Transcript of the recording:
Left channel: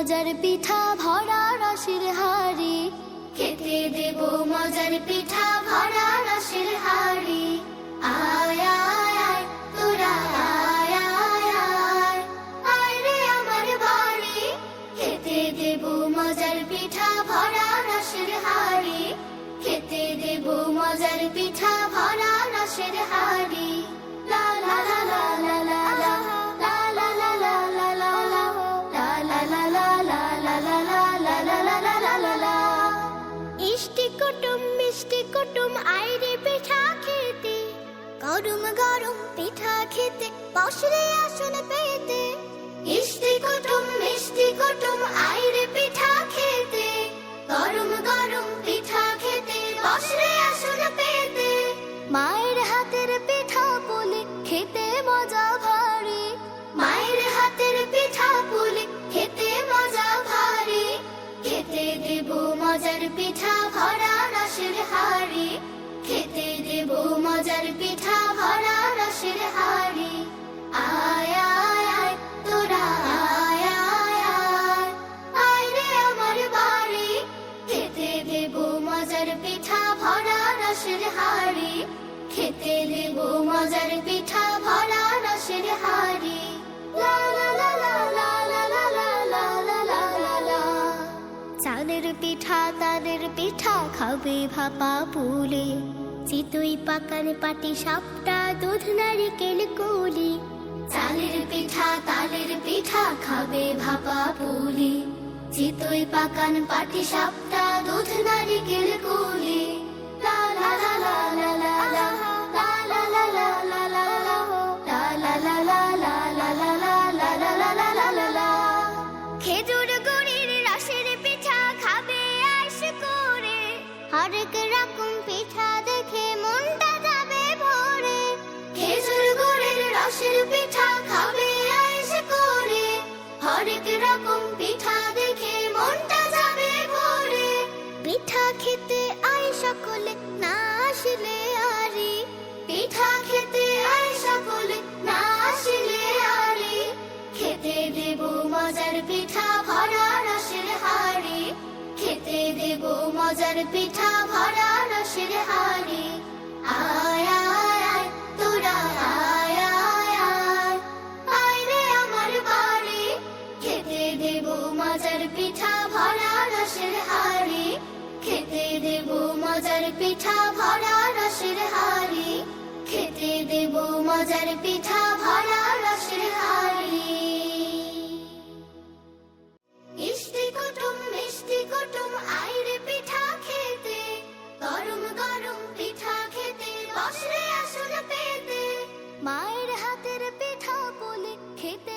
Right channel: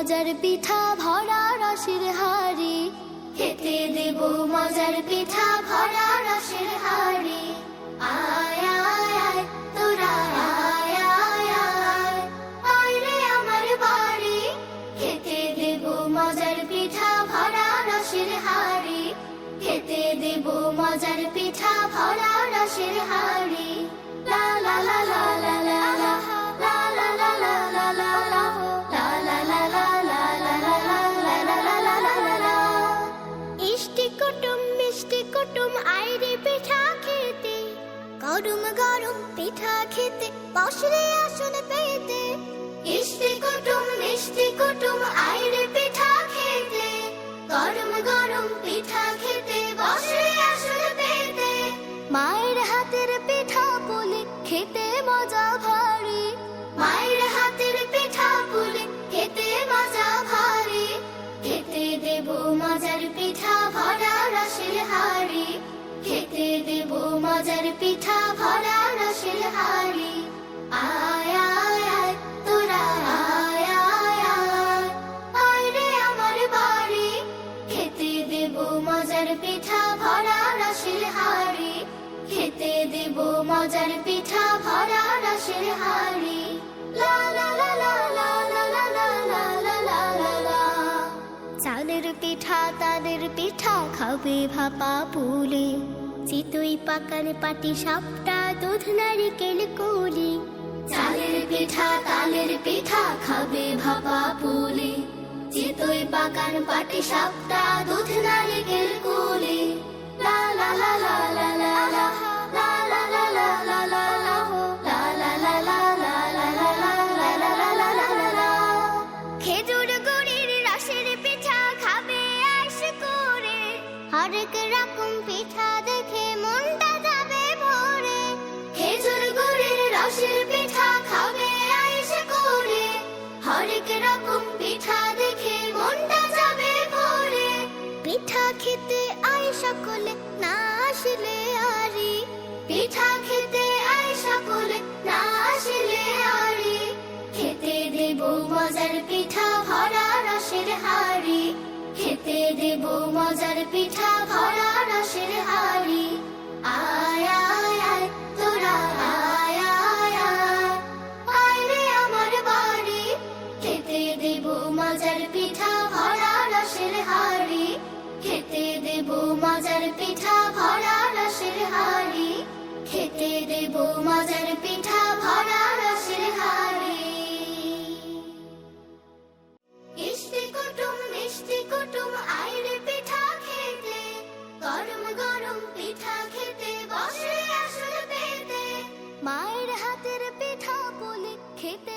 মজার পিঠা ভরা রসের হাড়ি, খেতে দেব মজার পিঠা ভরা রসের হাড়ি। আয় আয় আয় তোরা আয় আয় আয়, আয় রে আমার বাড়ি, খেতে দেব মজার পিঠা ভরা রসের হাড়ি, খেতে দেব মজার পিঠা ভরা রসের হাড়ি। লা লা লা লা লা লা লা, লা লা লা লা লা লা লা, লা লা লা লা লা লা লা লা লা লা লা লা লা লা। ইষ্টি কুটুম মিষ্টি কুটুম আয় রে পিঠা খেতে, গরম গরম পিঠা খেতে বসরে আসন পেতে। ইষ্টি কুটুম মিষ্টি কুটুম আয় রে পিঠা খেতে, গরম গরম পিঠা খেতে বসরে আসন পেতে। মায়ের হাতের পিঠা পুলি খেতে মজা ভারী, মায়ের হাতের পিঠা পুলি খেতে মজা ভারী, খেতে দেব মজার পিঠা ভরা রসের হাড়ি, খেতে দেব মজার পিঠা ভরা রসের হাড়ি। আয় আয় আয় তোরা আয় আয় আয়, আয় রে আমার বাড়ি, খেতে দেব মজার পিঠা ভরা রসের হাড়ি, খেতে দেব মজার পিঠা ভরা রসের হাড়ি। লা লা লা লা লা লা লা লা লা লা লা লা। চালের পিঠা তালের পিঠা খাবে ভাপা পুলি, চিতই পাকান পাটি সাপটা দুধ নারিকেল কুলি। চালের পিঠা তালের পিঠা খাবে ভাপা পুলি, চিতই পাকান পাটি সাপটা দুধ নারিকেল কুলি। লা লা লা লা লা লা লা, লা লা লা লা লা লা লা, লা লা লা লা লা লা লা লা লা লা লা লা লা। খেজুর গুড়ির রসের পিঠা খাবে আইস করে, হরেক রকম পিঠা দেখে মনটা যাবে ভরে। খেজুর গুড়ির রসের পিঠা খাবে আইস করে, হরেক রকম পিঠা দেখে মনটা যাবে ভরে। পিঠা খেতে আয় সকলে না আসলে আরি, পিঠা খেতে আয় সকলে না আসলে আরি, খেতে দেব মজার পিঠা ভরা রসের হাড়ি, খেতে দেব মজার পিঠা ভরা রসের হাড়ি। আয় আয় আয় তোরা আয় আয় আয়, আয় রে আমার বাড়ি, খেতে দেব মজার পিঠা ভরা রসের হাড়ি, খেতে দেব মজার পিঠা ভরা রসের হাড়ি, খেতে দেব মজার পিঠা ভরা রসের হাড়ি। ইষ্টি কুটুম মিষ্টি কুটুম আয় রে পিঠা খেতে, গরম গরম পিঠা খেতে বসরে আসন পেতে। মায়ের হাতের পিঠা পুলি খেতে